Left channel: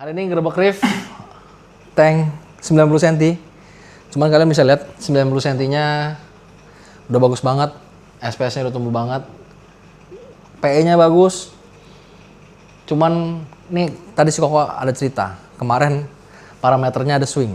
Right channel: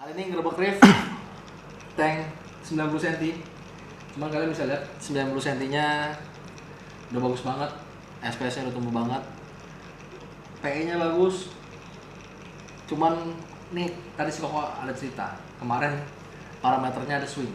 Hari ini ngerebek riff tank 90 cm. Cuman kalian bisa lihat 90 cm-nya udah bagus banget. SPS-nya udah tumbuh banget. PE-nya bagus. Cuman nih tadi si Koko ada cerita. Kemarin parameternya ada swing.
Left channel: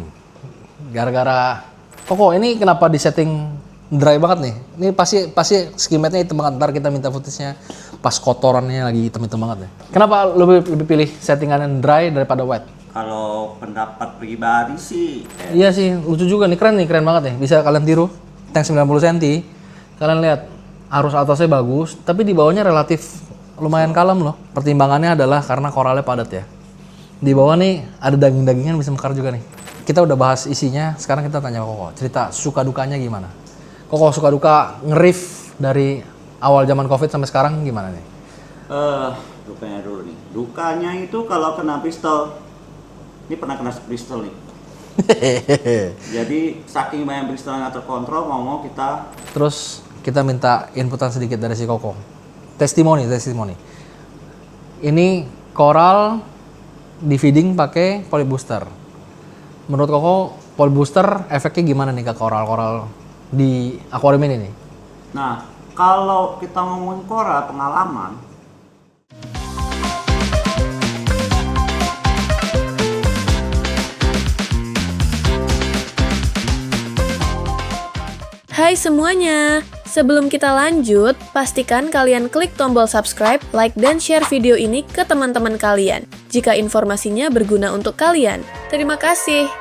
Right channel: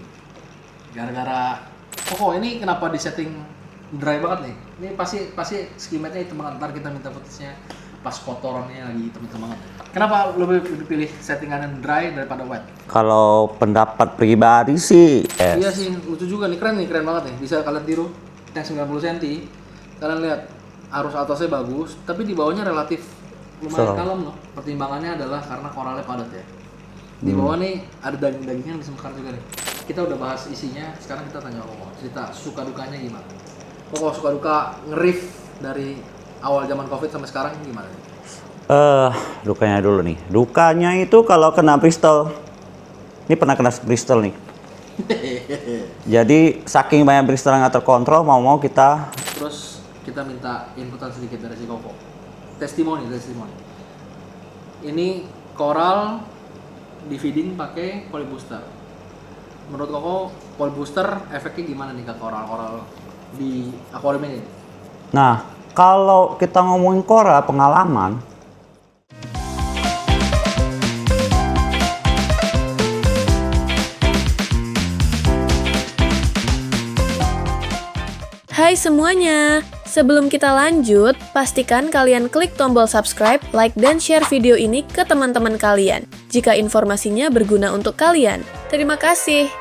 Gara-gara Koko ini kenapa di setting dry banget nih? Ini pasti skimetnya hitam banget. Ntar kita minta footage-nya pas kotorannya lagi hitam-hitam banget nih. Kenapa lebih pilih settingan dry daripada wet? Kalau pendapat pribadi sih, Iya sih, lucu juga nih, keren banget nih. Bisa kalian tiru tank 90 cm. Kalian lihat arus atasnya bagus, tapi di bawahnya relatif lumayan kalem loh. Pertimbangannya adalah karena koralnya padat ya. Di bawah nih ada daging-dagingan bisa mekar juga nih. Kita udah bahas isinya, sekarang kita tanya Koko. Cerita suka dukanya gimana? Koko suka duka nge-riff dari awal zaman Covid sampai sekarang gimana nih? dukanya dulu nih. Dukanya itu kalau kena Bristol. Ini pernah kena Bristol nih. Jadi saking banyak Bristol yang nggak terkontrol, mau kita. Terus kita minta inputan sedikit dari si Koko. Testimoni. Ini koral di feeding pakai polybooster. Menurut Koko, polybooster efeknya gimana nih ke koral-koral di akuarium ini nih? Nah, kalau kita ngomongin koral pengalaman, Hai semuanya! Sebelum kita lanjut, pastikan kalian klik tombol subscribe, like, dan share video ini ke teman-teman kalian jika informasinya berguna untuk kalian. Terima kasih!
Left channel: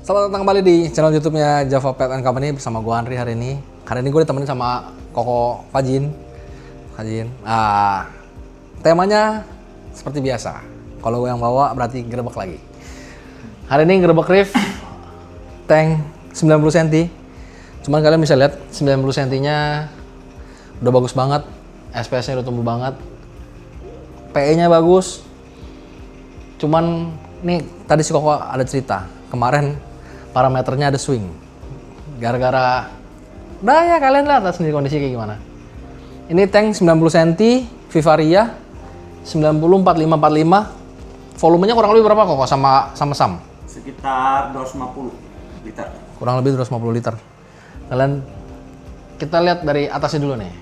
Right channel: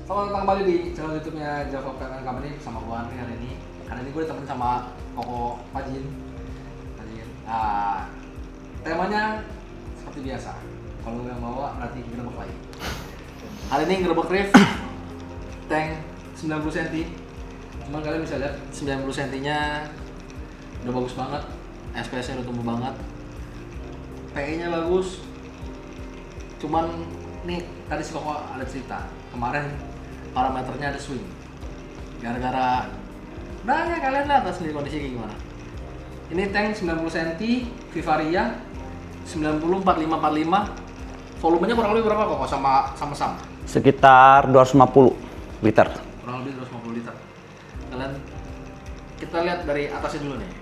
Selamat datang kembali di channel YouTube-nya Java Pet and Company bersama gue Andri hari ini. Hari ini gue ditemenin sama Koko Fajin. Nah, temanya seperti biasa. Kalau gue yang bawa berarti ngerebek lagi. Hari ini ngerebek riff tank 90 cm. Cuman kalian bisa lihat 90 cm-nya udah bagus banget. SPS-nya udah tumbuh banget. PE-nya bagus. Cuman nih tadi si Koko ada cerita. Kemarin parameternya ada swing. Gara-gara udah ya kalian lihat sendiri kondisi kayak gimana. Ini tank 90 cm Vivaria 90-45-45. Volumenya kurang lebih berapa Kok sama SAM? sekitar 250 liter. Kurang lebih 250 liter. Kalian kita lihat dari atasnya dulu nih.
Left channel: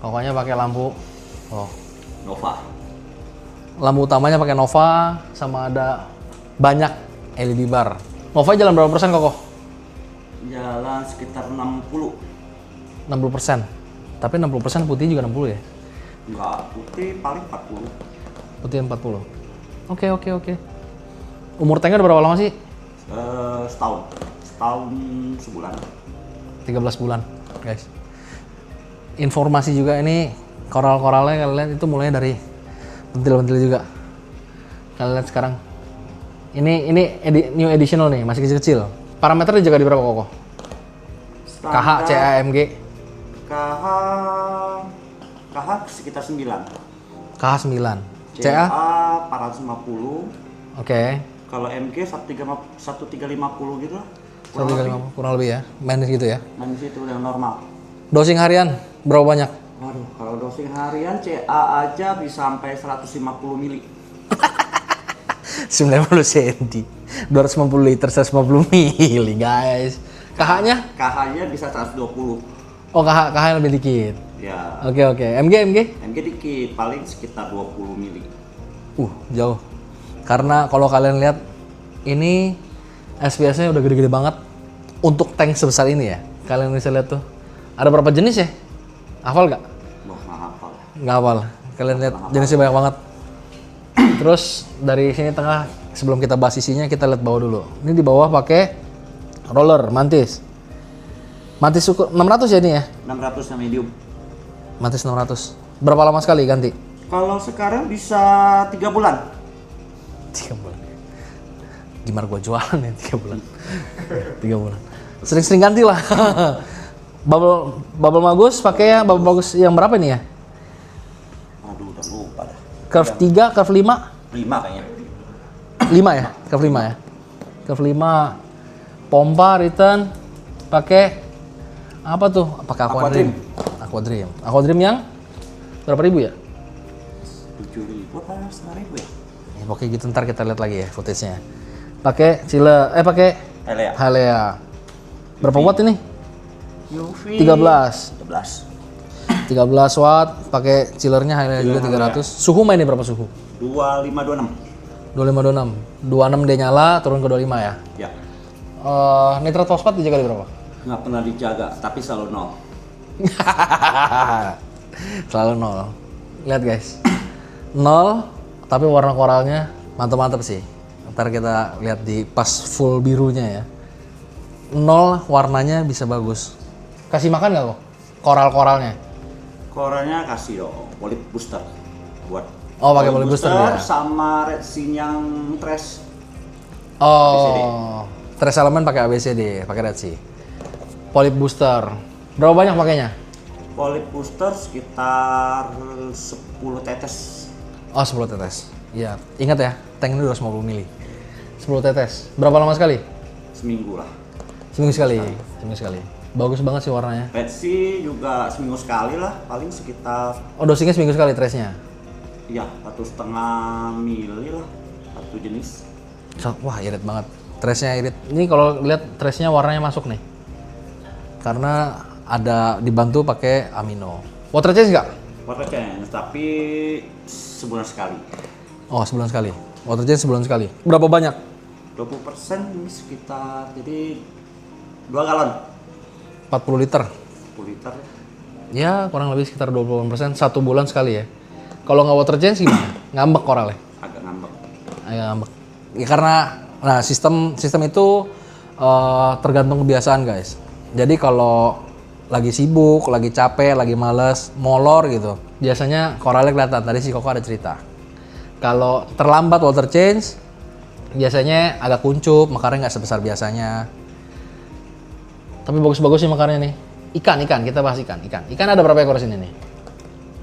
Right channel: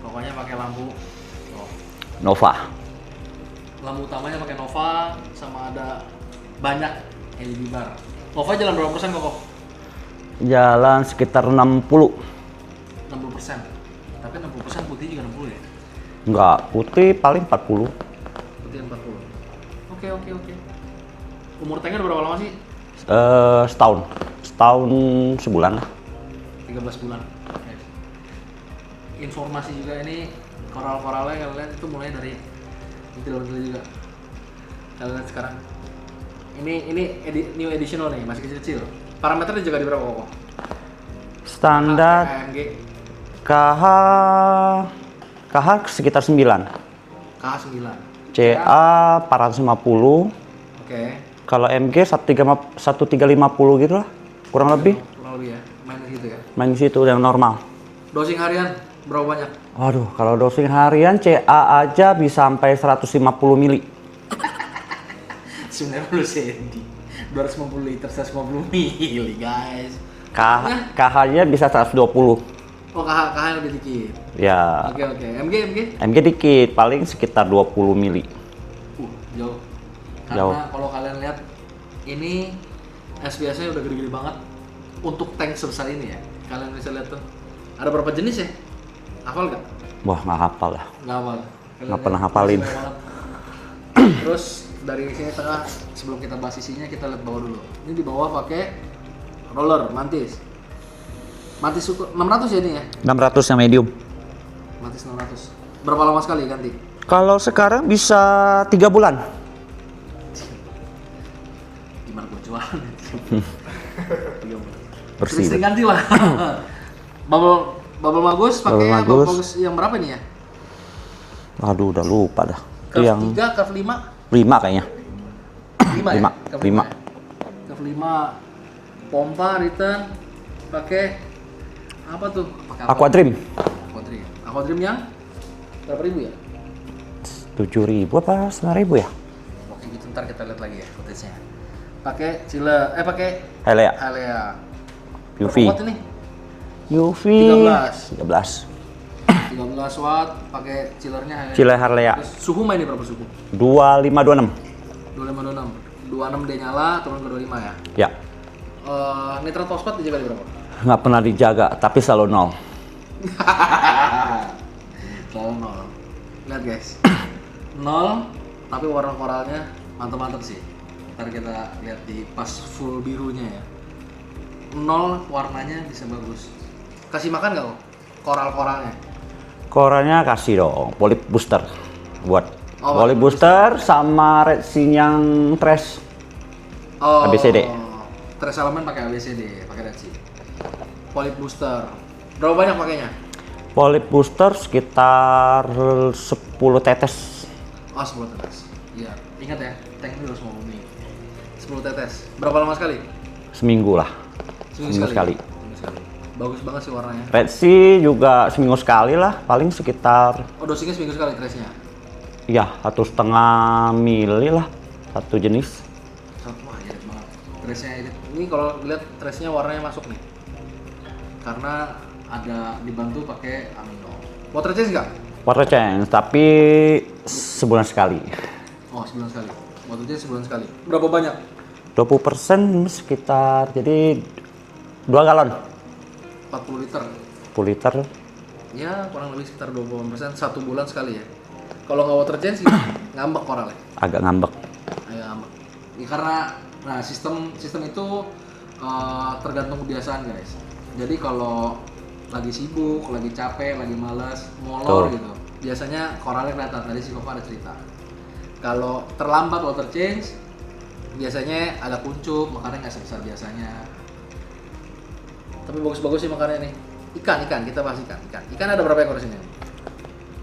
Pokoknya pakai lampu Nova. Lampu utamanya pakai Nova sama ada banyak LED bar. Nova jalan berapa persen Koko? Jalan sekitar 60. 60%. Tapi 60% putih juga 60 ya? Enggak, putih paling 40. Putih 40. Oke. Umur tanknya udah berapa lama sih? Setahun sebulan. 13 bulan, guys. Informasi juga ini koral-koralnya kalian lihat itu mulai dari bentil-bentil juga. Kalian lihat sekarang. Ini new additional nih, masih kecil-kecil. Parameternya juga di berapa Koko? Standar KH, CAMG. KH sekitar 9. KH 9. CA 450. Oke. Kalau MG 1350 gitu lah. Kurang lebih. Kurang lebih ya. Main di situ ya. Main di situ yang normal. Dosing harian berapa banyak? Waduh, kalau dosing harian CA aja bisa sampai 150 mili. 90 cm. 250 liter 150 mili, guys. KH-nya? KH-nya bisa 120. Oh, KH lebih dikit. Ya. Oke. MG? MG dikit, paling sekitar 20 mili. Jauh. Karena kalau kalian lihat ini SPS-nya udah gede-gede banget untuk tank sebesar ini ya. Kalian bisa lihat tuh. Ada berapa jenis ya? Hafal nggak? Wah, nggak hafal lah. Nggak hafal. Kalian Nggak lihat pernah jenisnya hafalin. banyak banget. Terus dari sini tengah, sebelum kita bahas isinya, kita lihat bawah dulu. Ini di bawah pakai roller mantis. Mantis 600 ya ini ya? 600 yang medium. Mantis 600. Berapa lama sekali ganti? Kalau sekarang bisa 3 bulan. 3 bulan. Gimana gua jualan ya 3 bulan? 3 bulan. Bersih. Sering-sering ganti lah. bubble bagus, pakai ya bubble bagus yang berapa nih ya? Aduh, udah lupa dah. Curve Yang 3, curve 5? 5 kayaknya. 5 ya? Lima. Curve 5 Lima. ya? Curve 5. Pompa, return, pakai apa tuh? Pakai Aquadream. Aquadream. Aquadream yang berapa ribu ya? 7.000 apa 9.000 ya? Ya, oke gitu, ntar kita lihat lagi ya footage-nya. Pakai chiller, pakai Helea. Halea. Berapa UV. watt ini? UV 13. 13. 13 watt, pakai chillernya Halea. Chiller Halea. Suhu mainnya berapa suhu? 2526. 2526. 26 dia nyala, turun ke 25 ya. Ya. Nitrat fosfat dijaga di berapa? Nggak pernah dijaga, tapi selalu 0. Selalu 0. Lihat guys. 0, tapi warna koralnya mantap-mantap sih. Ntar kita lihat di pas full birunya ya. 0 warnanya bisa bagus. Kasih makan nggak kok? Koral-koralnya? Koralnya kasih dong, polip booster buat Oh, pakai polip polip booster booster ya? sama red sin yang trash. Oh, ABCD. Trace element pakai ABCD, pakai Red Sea. Polip booster. Berapa banyak pakainya? Polip booster sekitar 10 tetes. Oh, 10 tetes. Iya, ingat ya, tank ini 250 mili. 10 tetes. Berapa lama sekali? Seminggu lah. Seminggu sekali. sekali. Seminggu sekali. Bagus banget sih warnanya. Red Sea juga seminggu sekali lah, paling sekitar Oh, dosingnya seminggu sekali trace-nya. ya 1,5 mili lah, satu jenis. Wah, irit banget. Trace-nya irit. Ini kalau lihat trace-nya warnanya masuk nih. Karena ada dibantu pakai amino. Water change nggak? Water change, tapi sebulan sekali. Oh, sebulan sekali. Water change sebulan sekali. Berapa banyak? 20% sekitar, jadi 2 galon. 40 liter. 10 liter. Ya, kurang lebih sekitar 20% 1 bulan sekali ya. Kalau nggak water change gimana? Ngambek koralnya? Agak ngambek. Agak ngambek. Ya, karena nah sistem itu tergantung kebiasaan guys. Jadi kalau lagi sibuk, lagi capek, lagi males, molor gitu, biasanya koralnya kelihatan. Tadi si Koko ada cerita. Kalau terlambat water change, biasanya agak kuncup, makarnya nggak sebesar biasanya. Tapi bagus-bagus sih makarnya nih. Ikan, kita bahas ikan. Ikan ada berapa ekor sini nih?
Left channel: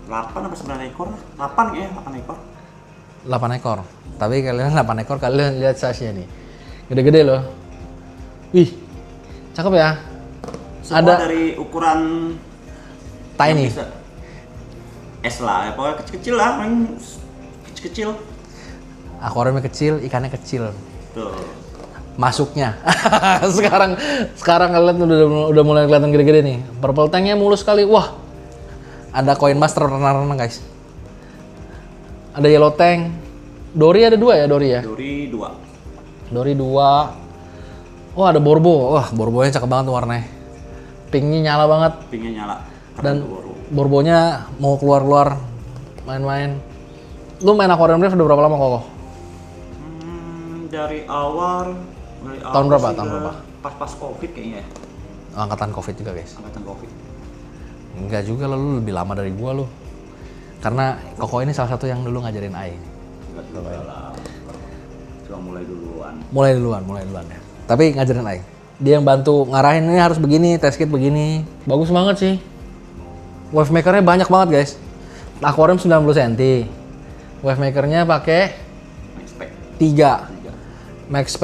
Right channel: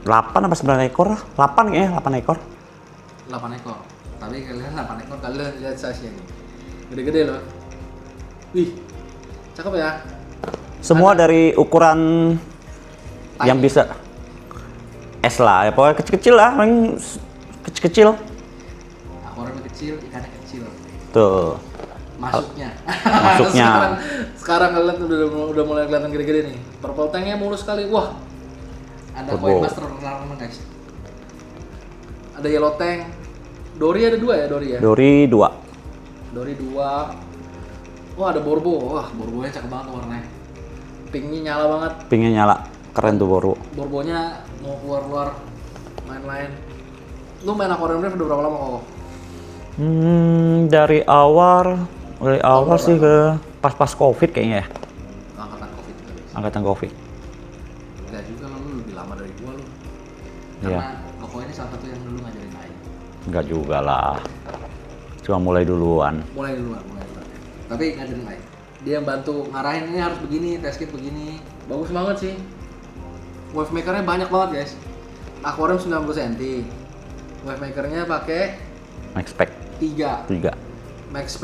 8 apa 9 ekor lah? 8 ya, 8 ekor. 8 ekor. Tapi kalian 8 ekor, kalian lihat size-nya nih. Gede-gede loh. Wih, cakep ya. Semua Ada- dari ukuran yang Tiny. bisa es lah, ya pokoknya kecil-kecil lah, paling kecil-kecil. Akuariumnya kecil, ikannya kecil. Tuh. Masuknya. Masuknya. sekarang kalian udah mulai kelihatan gede-gede nih. Purple tanknya mulus sekali. Wah. Ada koin master renang-renang guys. Ada yellow tank. Dori ada 2 ya, Dori ya? Dori 2. Dori 2. Wah, ada borbo. Wah, borbonya cakep banget tuh warnanya. Pinknya nyala banget. Pinknya nyala. Keren tuh baru. Borbonya mau keluar-keluar main-main. Lu main aquarium reef udah berapa lama kok? Dari awal berapa? sih ke pas Covid kayaknya ya. Angkatan Covid juga guys. Angkatan Covid. Enggak juga lo, lu lebih lama dari gua lu. Karena Koko ini salah satu yang dulu ngajarin Ai. Enggak juga lah. Cuma mulai duluan. Mulai duluan ya. Tapi ngajarin Ai. Dia yang bantu ngarahin ini harus begini, test kit begini. Bagus banget sih. Wave makernya banyak banget guys. Aquarium 90 cm. Wave makernya pakai Max Pack 3. 3. Max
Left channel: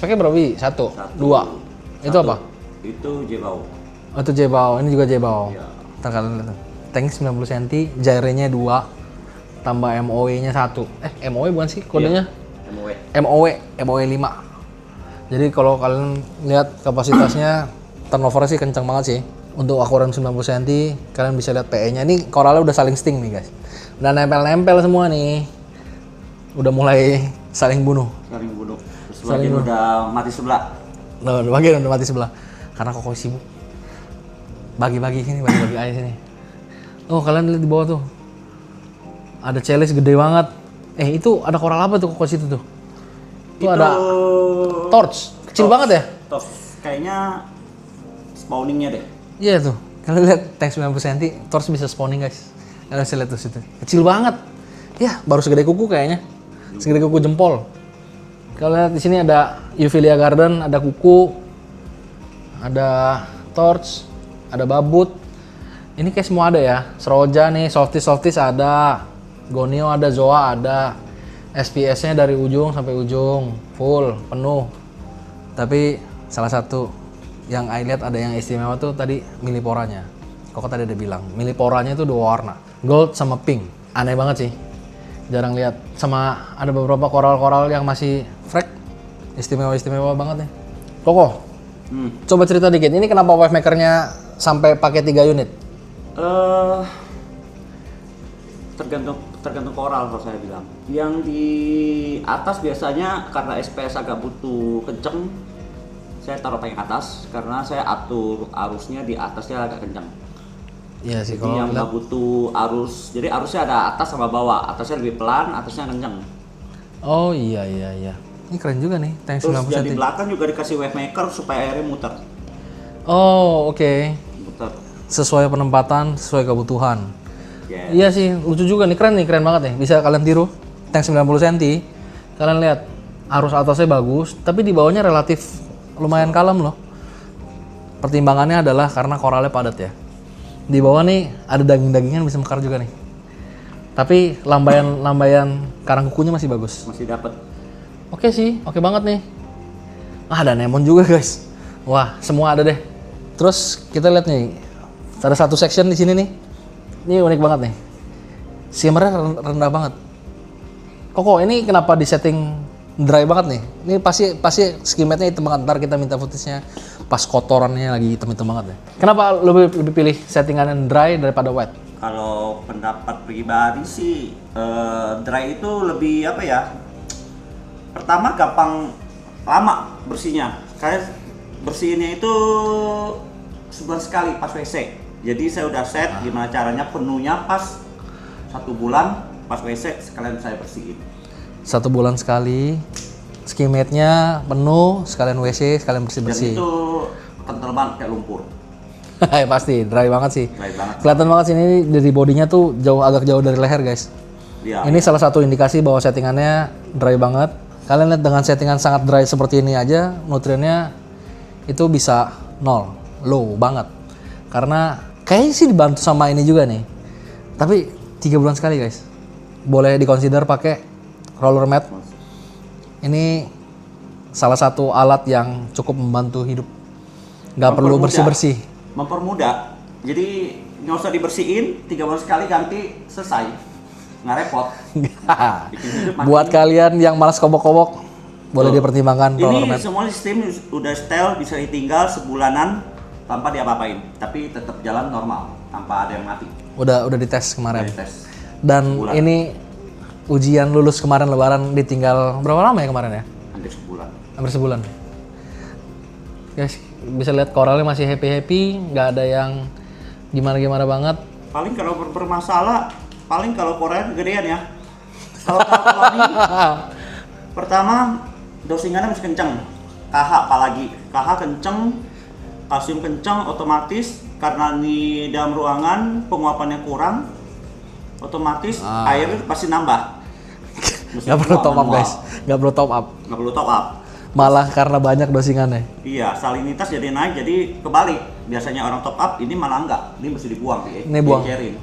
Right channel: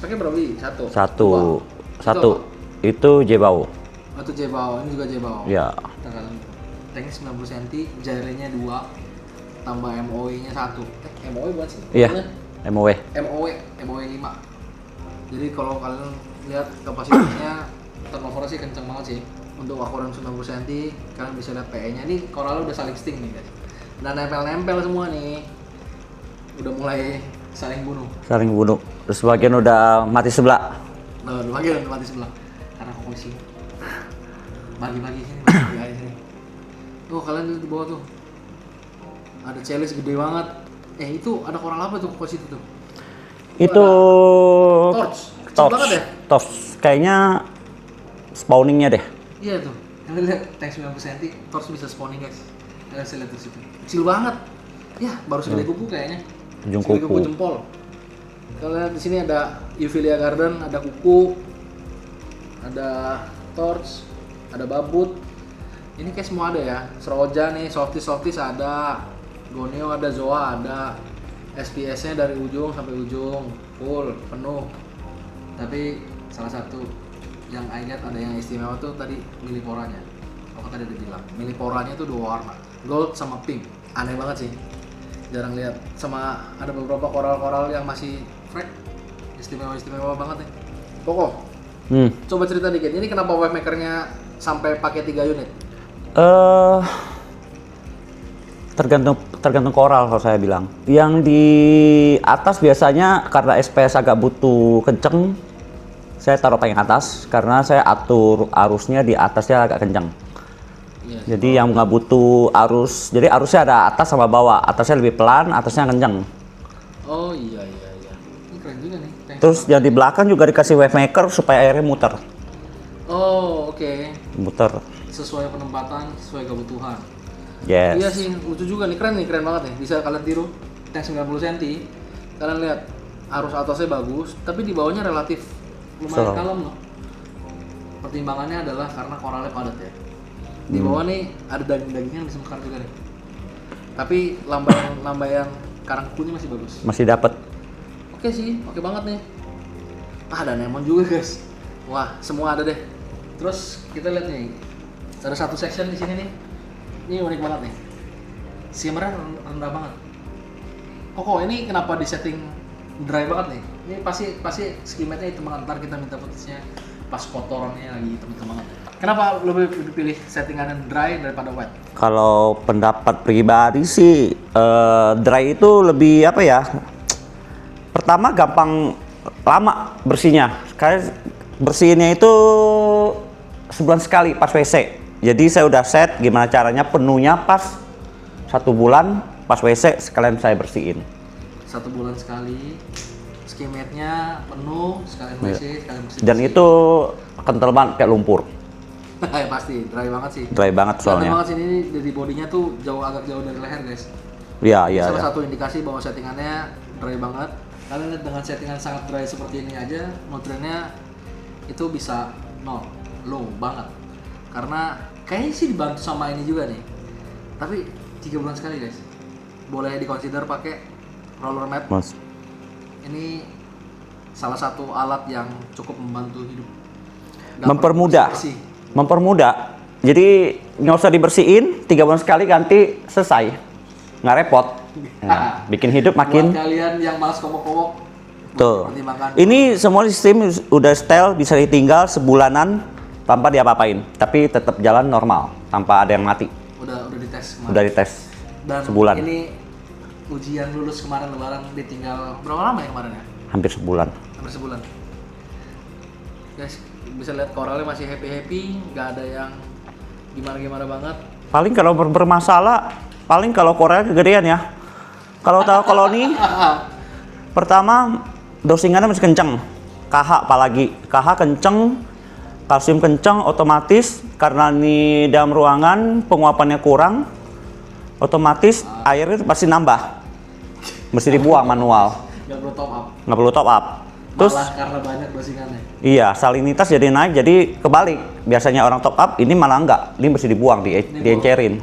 packnya berapa? 1, 2. Itu apa? Itu Jebao. Oh, itu Jebao. Ini juga Jebao. Ya. Ntar kalian lihat tuh. Tank 90 cm, gyre-nya 2, tambah MOE-nya 1. MOE bukan sih kodenya? Iya. MOW. MOE 5. Jadi kalau kalian lihat kapasitasnya, turnover sih kencang banget sih. Untuk akuarium 90 cm, kalian bisa lihat PE-nya. Ini koralnya udah saling sting nih guys. Udah nempel-nempel semua nih. Udah mulai saling bunuh. Saling bunuh. Terus bagian udah mati sebelah. Loh, bagian udah mati sebelah. Karena Koko sibuk. Bagi-bagi air sini. Oh, kalian lihat di bawah tuh. Ada chalice gede banget. Itu ada koral apa tuh kok situ tuh? Itu ada torch. Kecil banget ya? Torch. Kayaknya spawningnya deh. Iya tuh. Kalian lihat tank 90 cm, torch bisa spawning guys. Kalian bisa lihat tuh situ. Kecil banget. Ya, baru segede kuku kayaknya. Ujung Segede kuku. kuku jempol. Kalian lihat di sini ada Euphilia Garden, ada kuku, ada torch, ada babut. Ini kayak semua ada ya. Seroja nih, softies ada. Gonio ada, Zoa ada. SPS-nya dari ujung sampai ujung, full, penuh. Tapi salah satu yang I lihat ada yang istimewa tuh tadi Milliporanya. Kok tadi ada bilang, Milliporanya itu 2 warna, gold sama pink. Aneh banget sih. Jarang lihat. Sama ada beberapa koral-koral yang masih fresh. Istimewa banget nih. Koko, coba cerita dikit. Ini kenapa wave makernya sampai pakai 3 unit? Tergantung koral kalau saya bilang. Yang di atas biasanya karena SPS agak butuh kenceng, saya taruh tank atas karena saya atur arusnya di atasnya agak kenceng. Iya sih. Jadi yang nggak butuh arus, jadi arusnya ada atas sama bawah, atasnya lebih pelan, atasnya kenceng. Oh iya. Ini keren juga nih. Tank Terus 90 yang di cm. belakang juga dikasih wave maker supaya airnya muter. Oh oke. Muter. Sesuai penempatan, sesuai kebutuhan. Yes. Iya sih, lucu juga nih, keren banget nih. Bisa kalian tiru, tank 90 cm. Kalian lihat, arus atasnya bagus, tapi di bawahnya relatif lumayan kalem loh. Pertimbangannya adalah karena koralnya padat ya. Di bawah nih ada daging-dagingan bisa mekar juga nih. Tapi lambaian karang kukunya masih bagus. Masih dapat. Oke sih, oke banget nih. Ada Anemone juga guys. Wah, semua ada deh. Terus kita lihat nih, ada satu section di sini nih. Ini unik banget nih. Shimmernya rendah banget. Koko, ini kenapa di setting dry banget nih? Ini pasti skimetnya hitam banget. Ntar kita minta footage-nya pas kotorannya lagi hitam-hitam banget nih. Kenapa lebih pilih settingan dry daripada wet? Kalau pendapat pribadi sih, dry itu lebih apa ya? Pertama gampang lama bersihnya. Kayak bersihinnya itu sebulan sekali pas WC. Jadi saya udah set gimana caranya penuhnya pas 1 bulan pas WC sekalian saya bersihin. 1 bulan sekali, skimetnya penuh, sekalian WC, sekalian bersih-bersih. Dan itu kental banget kayak lumpur. Pasti, dry banget sih. Dry banget Kelihatan soalnya. banget sih ini dari bodinya tuh agak jauh dari leher guys. Ya, Ini ya, salah ya. satu indikasi bahwa settingannya dry banget. Kalian lihat dengan settingan sangat dry seperti ini aja, nutriennya itu bisa 0, low banget. Karena kayaknya sih dibantu sama ini juga nih. Tapi 3 bulan sekali guys. Boleh dikonsider pakai roller mat. Mas. Ini salah satu alat yang cukup membantu hidup. Nggak perlu bersih-bersih. Mempermudah. Jadi nggak usah dibersihin, 3 bulan sekali ganti, selesai. Nggak repot. Nah, bikin hidup makin. Buat kalian yang malas kobok-kobok, boleh Tuh. dipertimbangkan. Ini roller mat. semua sistem udah setel, bisa ditinggal sebulanan tanpa diapa-apain. Tapi tetap jalan normal, tanpa ada yang mati. Udah dites kemarin. Udah dites. Dan sebulan. ini ujian lulus kemarin lebaran ditinggal berapa lama ya kemarin ya? Hampir sebulan. Hampir sebulan. Guys, bisa lihat koralnya masih happy-happy, nggak ada yang gimana-gimana banget. Paling kalau bermasalah, paling kalau Korea kegedean ya. Kalau tahu koloni, pertama dosingannya masih kenceng. KH apalagi, KH kenceng, kalsium kenceng, otomatis karena ini dalam ruangan penguapannya kurang, otomatis airnya itu pasti nambah. Mesti Nggak perlu dibuang top up, manual, guys. Nggak perlu top up. nggak perlu top up. Malah karena banyak dosingannya. Iya, salinitas jadi naik, jadi kebalik. Biasanya orang top up, ini malah enggak, ini mesti dibuang, diencerin.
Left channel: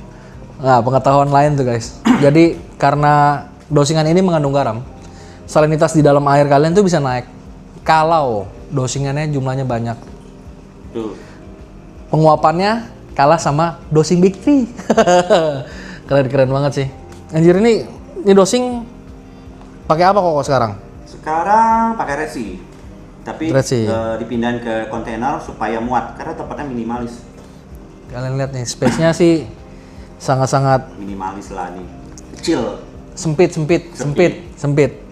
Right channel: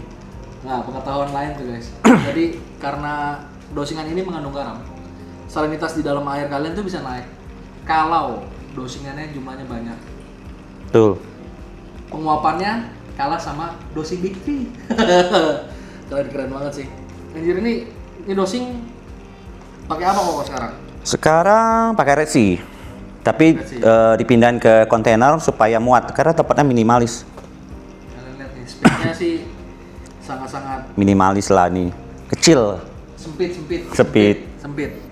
Nah, pengetahuan lain tuh guys. Jadi karena dosingan ini mengandung garam, salinitas di dalam air kalian tuh bisa naik. Kalau dosingannya jumlahnya banyak. Tuh. Penguapannya kalah sama dosing Big 3. Keren banget sih. Anjir ini dosing pakai apa kok sekarang? Sekarang pakai Red Sea. Tapi Red Sea. dipindahin ke kontainer supaya muat karena tempatnya minimalis. Kalian lihat nih, space-nya sih sangat-sangat Minimalis lah nih. Kecil. sempit.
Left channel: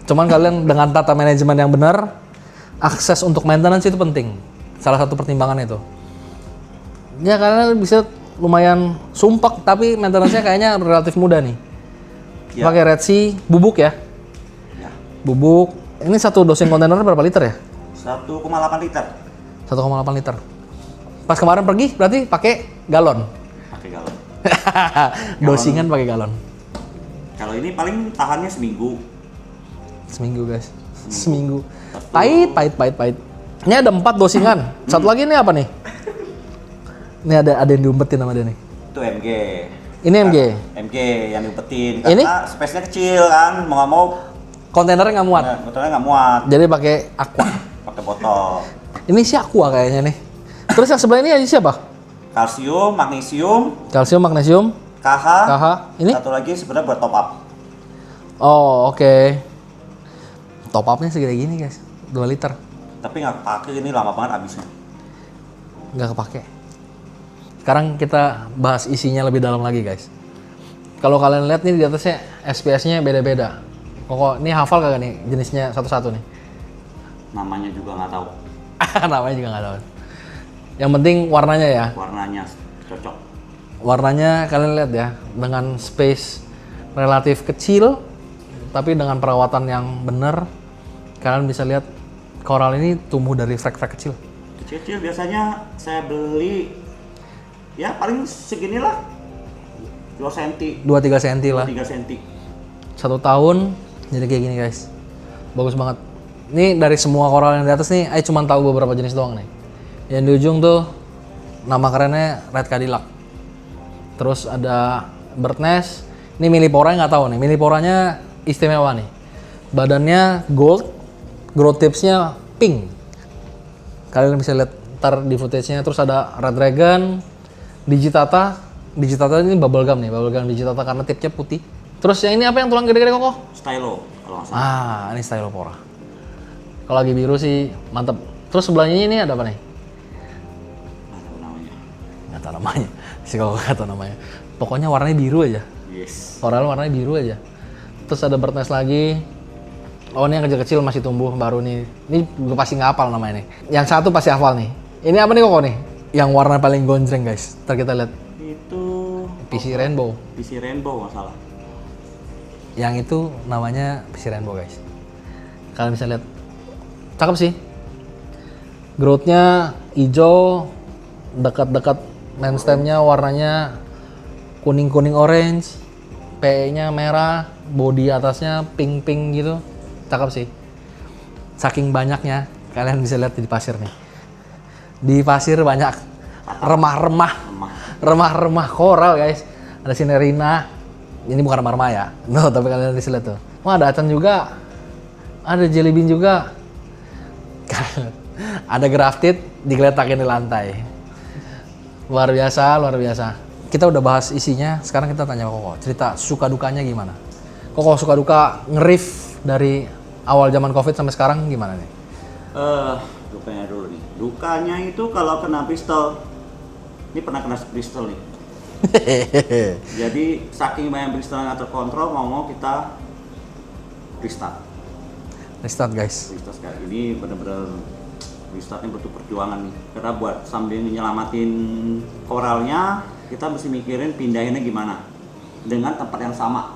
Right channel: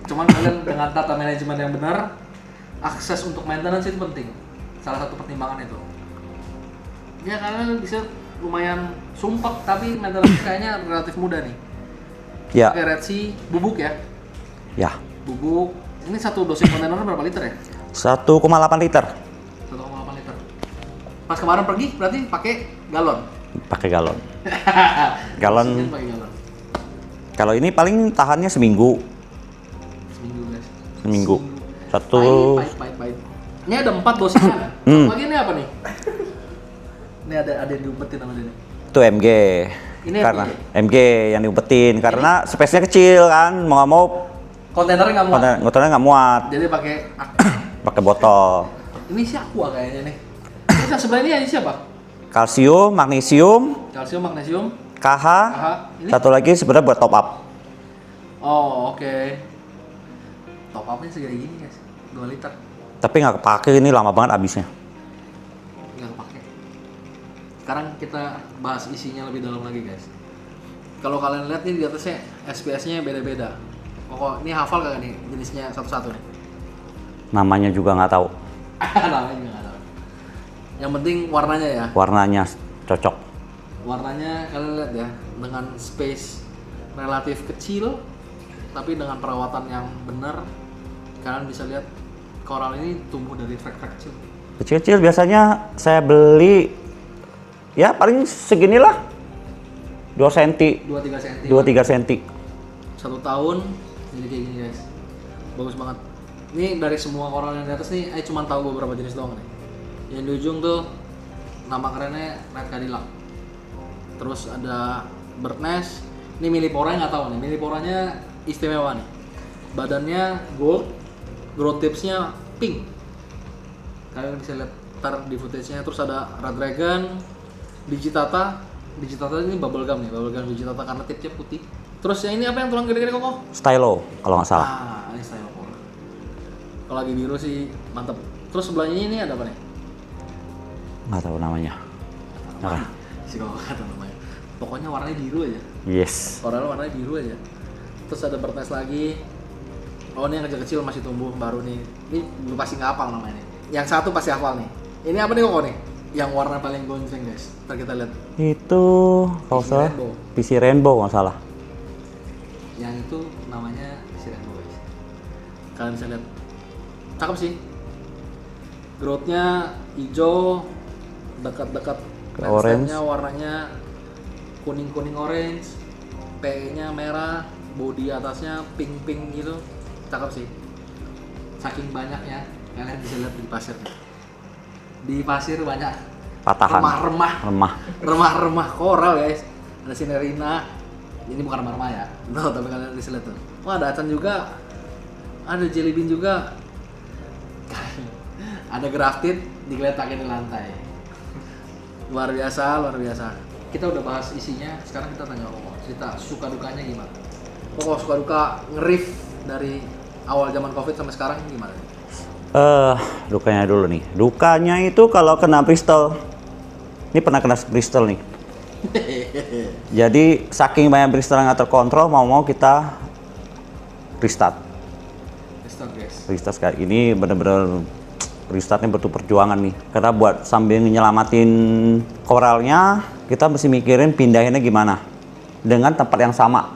Cuman kalian dengan tata manajemen yang benar, akses untuk maintenance itu penting. Salah satu pertimbangan itu. Ya karena bisa lumayan sumpek, tapi maintenance-nya kayaknya relatif mudah nih. Ya. Pakai Red Sea bubuk ya. Ya, Bubuk. Ini satu dosing kontainer berapa liter ya? 1,8 liter 1,8 liter. Pas kemarin pergi berarti pakai galon. pakai galon. Galon. Dosingan pakai galon. Kalau ini paling tahannya seminggu. Seminggu guys. Seminggu. Satu. Pahit. Ini ada 4 dosingan. Satu lagi ini apa nih? Ini ada yang diumpetin sama dia nih. Itu MG. Ini MG? MG yang diumpetin. Karena space-nya kecil kan. Mau nggak mau Kontainernya nggak muat. motornya nggak muat. Jadi pakai aqua. Pakai botol. Ini si aqua kayaknya nih. Terus yang sebelah ini siapa? Kalsium, magnesium, Kalsium, magnesium, KH. Ini? Satu lagi sebenarnya buat top up. Oh, oke. Top up-nya segede gini, guys. 2 liter. Tapi nggak kepake, ini lama banget habisnya. Nggak kepake. Sekarang kita bahas isinya lebih dalam lagi, guys. Kalau kalian lihat nih di atasnya SPS-nya beda-beda. Kok ini hafal kagak nih jenisnya satu-satu nih? Namanya juga nggak tahu. Namanya juga nggak tahu. Yang penting warnanya ya. Warnanya cocok. Warnanya kalian lihat ya, dengan space relatif kecil, tapi dengan perawatan yang benar, kalian bisa lihat koral ini tumbuh dari frek-frek kecil. Kecil-kecil biasanya saya beli ya paling seginilah. 2 cm. 2-3 cm lah. 2-3 cm. 1 tahun jadi kayak gini guys. Bagus banget. Ini dari semua koral yang di atas nih, saya cuma tahu beberapa jenis doang nih. Yang di ujung tuh nama kerennya Red Cadillac. Terus ada Bird Nest. Ini Milliporanya nggak tahu nih. Milliporanya istimewa nih. Badannya gold, growth tipsnya pink. Kalian bisa lihat ntar di footage-nya. Terus ada Red Dragon, Digitata. Digitata ini bubblegum nih, bubblegum Digitata karena tipnya putih. Terus yang ini apa yang tulang gede-gede kok? Stylo kalau nggak salah. Ini Stylopora. Kalau lagi biru sih mantep. Terus sebelahnya ini ada apa nih? Nggak tahu namanya. Nggak tahu namanya. Si kok nggak tahu namanya. Pokoknya warnanya biru aja. Yes. Koral warnanya biru aja. Terus ada Bird Nest lagi. Oh ini yang kecil-kecil masih tumbuh baru nih. Ini gue pasti nggak hafal namanya nih. Yang satu pasti hafal nih. Ini apa nih kok nih? Yang warna paling gonjreng guys. Ntar kita lihat. Itu PC Rainbow. PC Rainbow nggak salah. Yang itu namanya PC Rainbow guys. Kalian bisa lihat. Cakep sih. Growth-nya hijau, dekat-dekat main stem-nya warnanya kuning-kuning orange, PE-nya merah, body atasnya pink-pink gitu. Cakep sih. Saking banyaknya, kalian bisa lihat di pasir nih. Di pasir banyak Patahan. remah-remah koral guys. Ada Sinerina. Ini bukan remah-remah ya. No, tapi kalian bisa lihat tuh. Wah, ada acan juga. Ada jelly bean juga. Ada grafted digeletakin di lantai. Luar biasa, luar biasa. Kita udah bahas isinya, sekarang kita tanya Koko. Cerita suka dukanya gimana? Koko suka duka nge-riff dari awal zaman Covid sampai sekarang gimana nih? Dukanya dulu nih. Dukanya itu kalau kena pistol. Ini pernah kena pistol nih. Jadi saking banyak pistol yang nggak terkontrol, mau kita restart. Restart guys. Restart sekali. Ini bener-bener restartnya butuh perjuangan nih. Karena buat sambil nyelamatin koralnya, kita mesti mikirin pindahinnya gimana. Dengan tempat yang sama,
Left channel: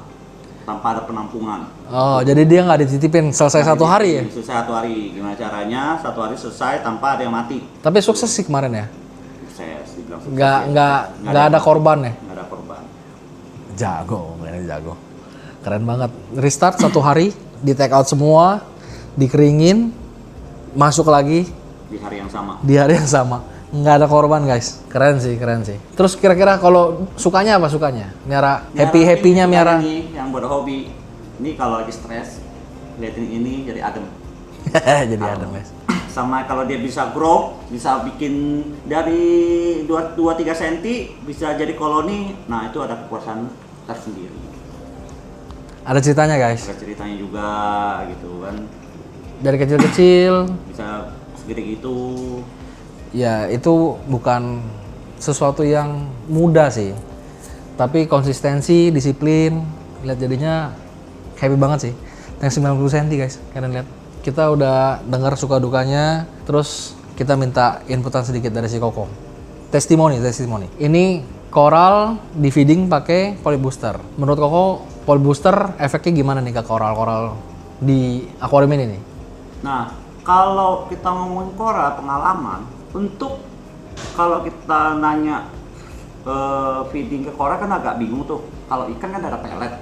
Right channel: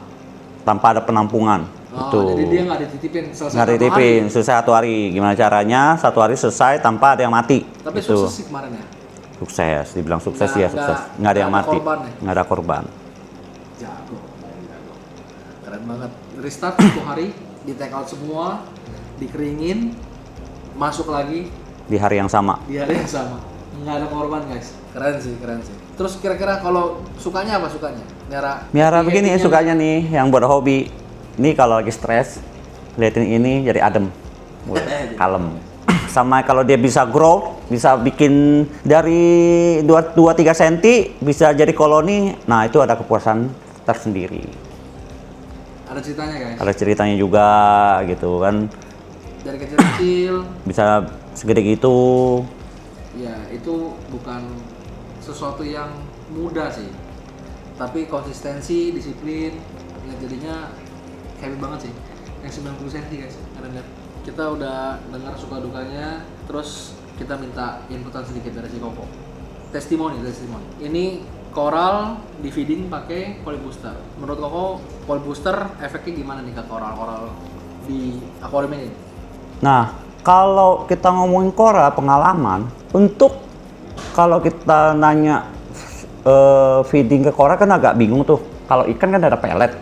tanpa ada penampungan. Oh, Tuh. jadi dia nggak dititipin selesai Nggak satu hari? dititipin, selesai 1 hari. Gimana caranya 1 hari selesai tanpa ada yang mati. Tapi Gitu. sukses sih kemarin ya? Sukses, dibilang sukses Nggak- ya nggak- sukses. nggak yang ada mati. korban ya? Nggak ada korban. Jago, mainnya jago. Keren banget. Restart 1 hari, di take out semua, dikeringin, masuk lagi Di hari yang sama. di hari yang sama. Nggak ada korban guys. Keren sih, keren sih. Terus kira-kira kalau sukanya apa sukanya? Miara happy-happynya miara miara. nih yang buat hobi. Ini kalau lagi stres, liatin ini jadi adem. Jadi Kalem. adem, guys. Sama kalau dia bisa grow, bisa bikin dari 2-3 cm, bisa jadi koloni. Nah itu ada kepuasan tersendiri. Ada ceritanya guys. Ada ceritanya juga gitu kan. Dari kecil-kecil, Bisa segede gitu. ya itu bukan sesuatu yang mudah sih. Tapi konsistensi, disiplin, lihat jadinya happy banget sih. Yang 90 cm guys, kalian lihat. Kita udah dengar suka dukanya, terus kita minta inputan sedikit dari si Koko. Testimoni. Ini koral di feeding pakai poly booster. Menurut Koko Poly booster efeknya gimana nih ke koral-koral di akuarium ini nih? Nah, kalau kita ngomongin koral pengalaman, untuk kalau kita nanya feeding ke koral kan agak bingung tuh. Kalau ikan kan ada pelet.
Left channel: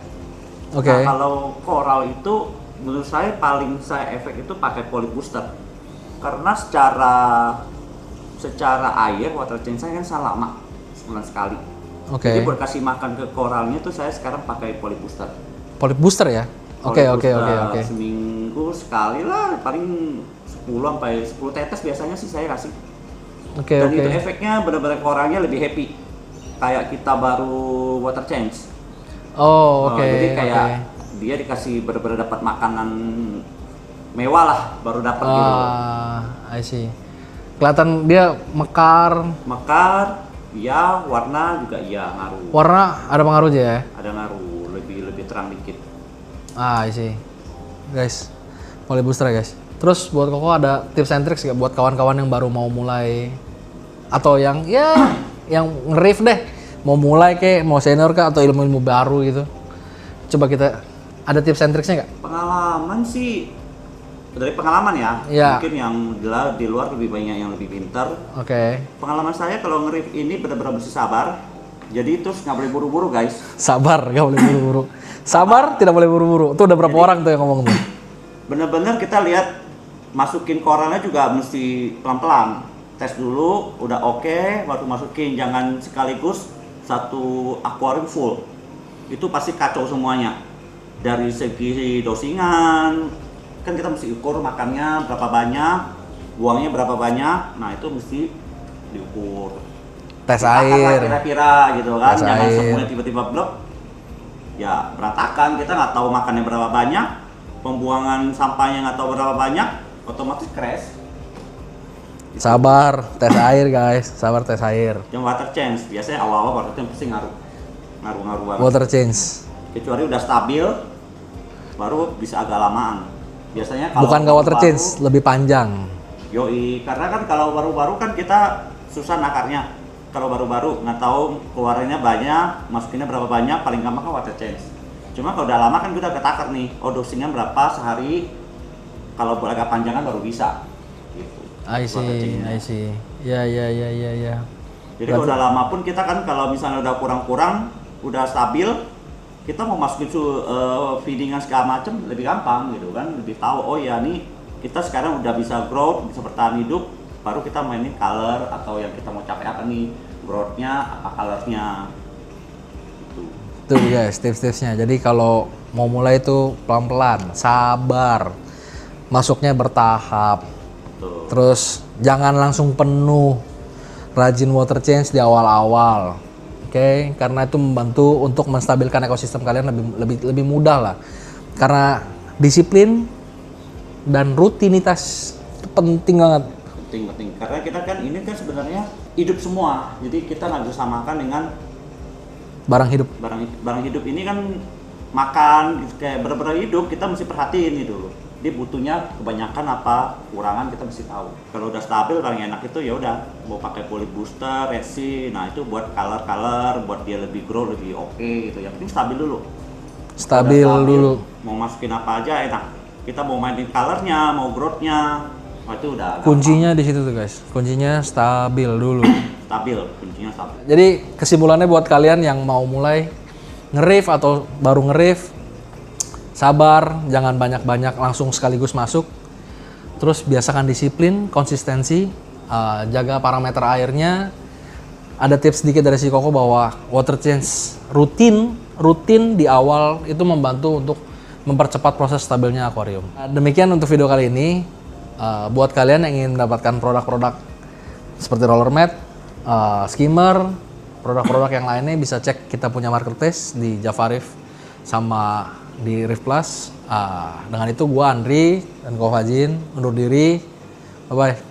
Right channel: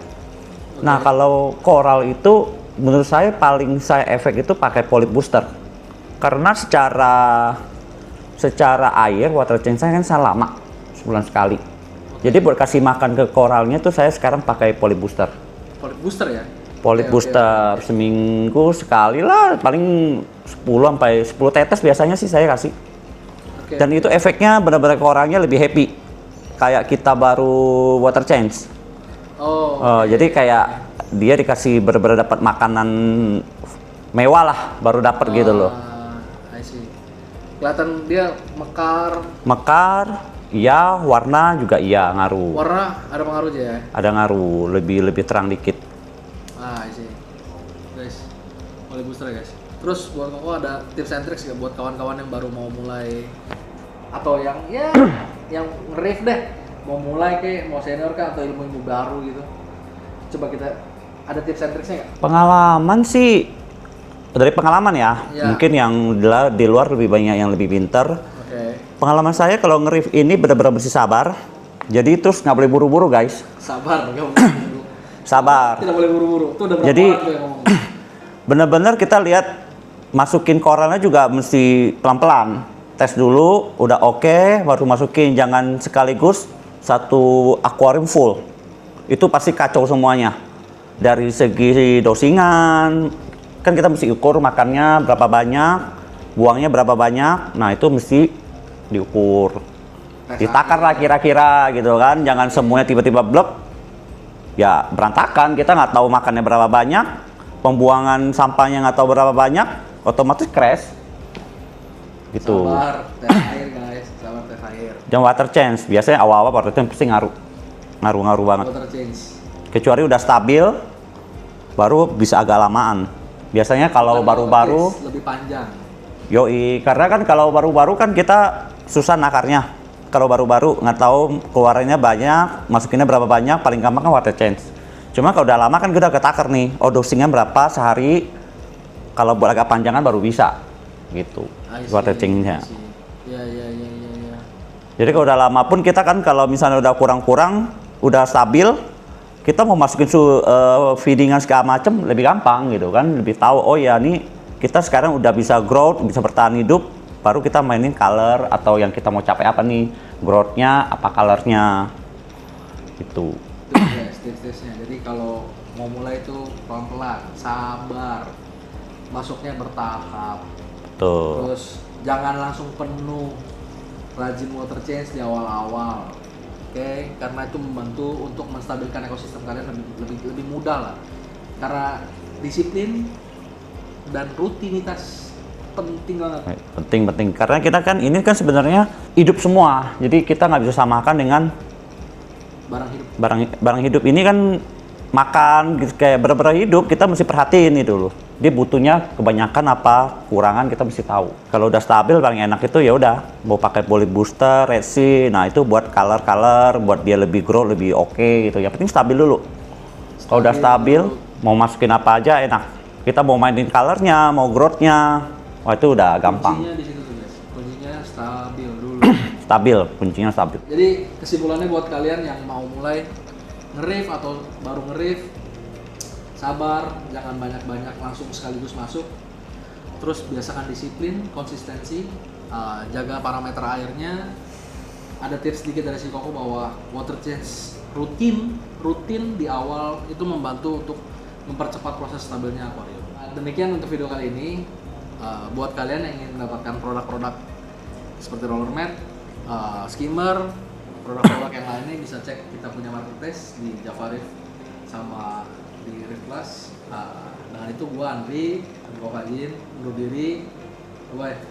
Oke. Nah, kalau koral itu menurut saya paling saya efek itu pakai poly booster. Karena secara air water change kan saya lama, sebulan sekali. Oke. Jadi buat kasih makan ke koralnya tuh saya sekarang pakai poly booster. Poly booster ya? Poly Oke, booster oke. seminggu sekali lah, paling 10 sampai 10 tetes biasanya sih saya kasih. Oke, Dan oke. itu efeknya benar-benar ke orangnya lebih happy. Kayak kita baru water change. Oh, oke. Jadi kayak oke. dia dikasih benar-benar dapat makanan mewah lah, baru dapat gitu loh. I see. Kelihatan dia mekar, Mekar, iya, warna juga iya ngaruh. warna ada pengaruhnya ya? Ada ngaruh, lebih terang dikit. I see. Guys, poly booster ya guys. Terus buat Koko ada tips and tricks nggak buat kawan-kawan yang baru mau mulai atau yang ya yang nge-rave deh, mau mulai kek, mau senior kah atau ilmu-ilmu baru gitu. Coba kita ada tips and tricksnya nggak? Pengalaman sih dari pengalaman ya. Iya. Mungkin yang di luar lebih banyak yang lebih pintar. Oke. Pengalaman saya kalau nge-reef ini benar-benar mesti sabar. Jadi terus nggak boleh buru-buru guys. Sabar, nggak boleh buru-buru. Sabar. Tidak boleh buru-buru. Itu udah berapa Jadi- orang tuh yang ngomong tuh? Benar-benar kita lihat masukin koralnya juga mesti pelan-pelan. Tes dulu, udah oke, baru masukin. Jangan sekaligus satu akuarium full. Itu pasti kacau semuanya. Dari segi dosingan, kan kita mesti ukur makannya berapa banyak, buangnya berapa banyak. Nah itu mesti diukur. Tes Ditakar lah air. kira-kira gitu kan. Tes Jangan air. semuanya tiba-tiba blok. Ya berantakan, kita nggak tahu makannya berapa banyak, pembuangan sampahnya nggak tahu berapa banyak, otomatis crash. Gitu. Sabar, tes air guys. Sabar tes air. Jangan water change, biasanya awal-awal water change pasti ngaruh banget. Water change. Kecuali udah stabil, baru bisa agak lamaan. Biasanya kalau Bukan water baru-baru, change, lebih panjang. yoi, karena kan kalau baru-baru kan kita susah nakarnya. Kalau baru-baru nggak tahu keluarannya banyak, masukinnya berapa banyak, paling gampang kan water change. Cuma kalau udah lama kan kita udah ketakar nih, oh dosingnya berapa sehari, kalau buat agak panjangan baru bisa, gitu. I see, Water change-nya. I see. Ya. Jadi kalau udah lama pun kita kan kalau misalnya udah kurang-kurang, udah stabil, kita mau masukin feedingan segala macam lebih gampang gitu kan, lebih tahu oh ya nih kita sekarang udah bisa growth, bisa bertahan hidup, baru kita mainin color atau yang kita mau capai apa nih, growth-nya, apa color-nya, gitu. Tuh guys, tips-tipsnya. Jadi kalau mau mulai itu pelan-pelan, sabar, masuknya bertahap. Tuh. Terus jangan langsung penuh, rajin water change di awal-awal. Oke, karena itu membantu untuk menstabilkan ekosistem kalian lebih mudah lah. Karena disiplin dan rutinitas itu penting banget. Penting, karena kita kan ini kan sebenarnya hidup semua, jadi kita nggak bisa samakan dengan Barang hidup. barang hidup ini kan makan gitu, kayak benar-benar hidup kita mesti perhatiin itu loh. Dia butuhnya kebanyakan apa, kurangan kita mesti tahu. Kalau udah stabil paling enak itu ya udah mau pakai poly booster, resin. Nah, itu buat color, buat dia lebih grow, lebih oke gitu. Yang penting stabil dulu. Kalau udah stabil, dulu. mau masukin apa aja enak. Kita mau mainin colornya, mau growth-nya. Wah, itu udah gampang. Kuncinya di situ tuh guys. Kuncinya stabil dulu. Stabil, kuncinya stabil. Jadi kesimpulannya buat kalian yang mau mulai nge-rave atau baru nge-rave, sabar, jangan banyak-banyak langsung sekaligus masuk. Terus biasakan disiplin, konsistensi, jaga parameter airnya. Ada tips sedikit dari si Koko bahwa water change rutin di awal itu membantu untuk mempercepat proses stabilnya akuarium. Demikian untuk video kali ini. Buat kalian yang ingin mendapatkan produk-produk seperti roller mat, skimmer, produk-produk yang lainnya bisa cek kita punya marketplace di Java Reef sama di Reef Plus. Dengan itu gua Andri dan Ko Fajin undur diri. Bye bye.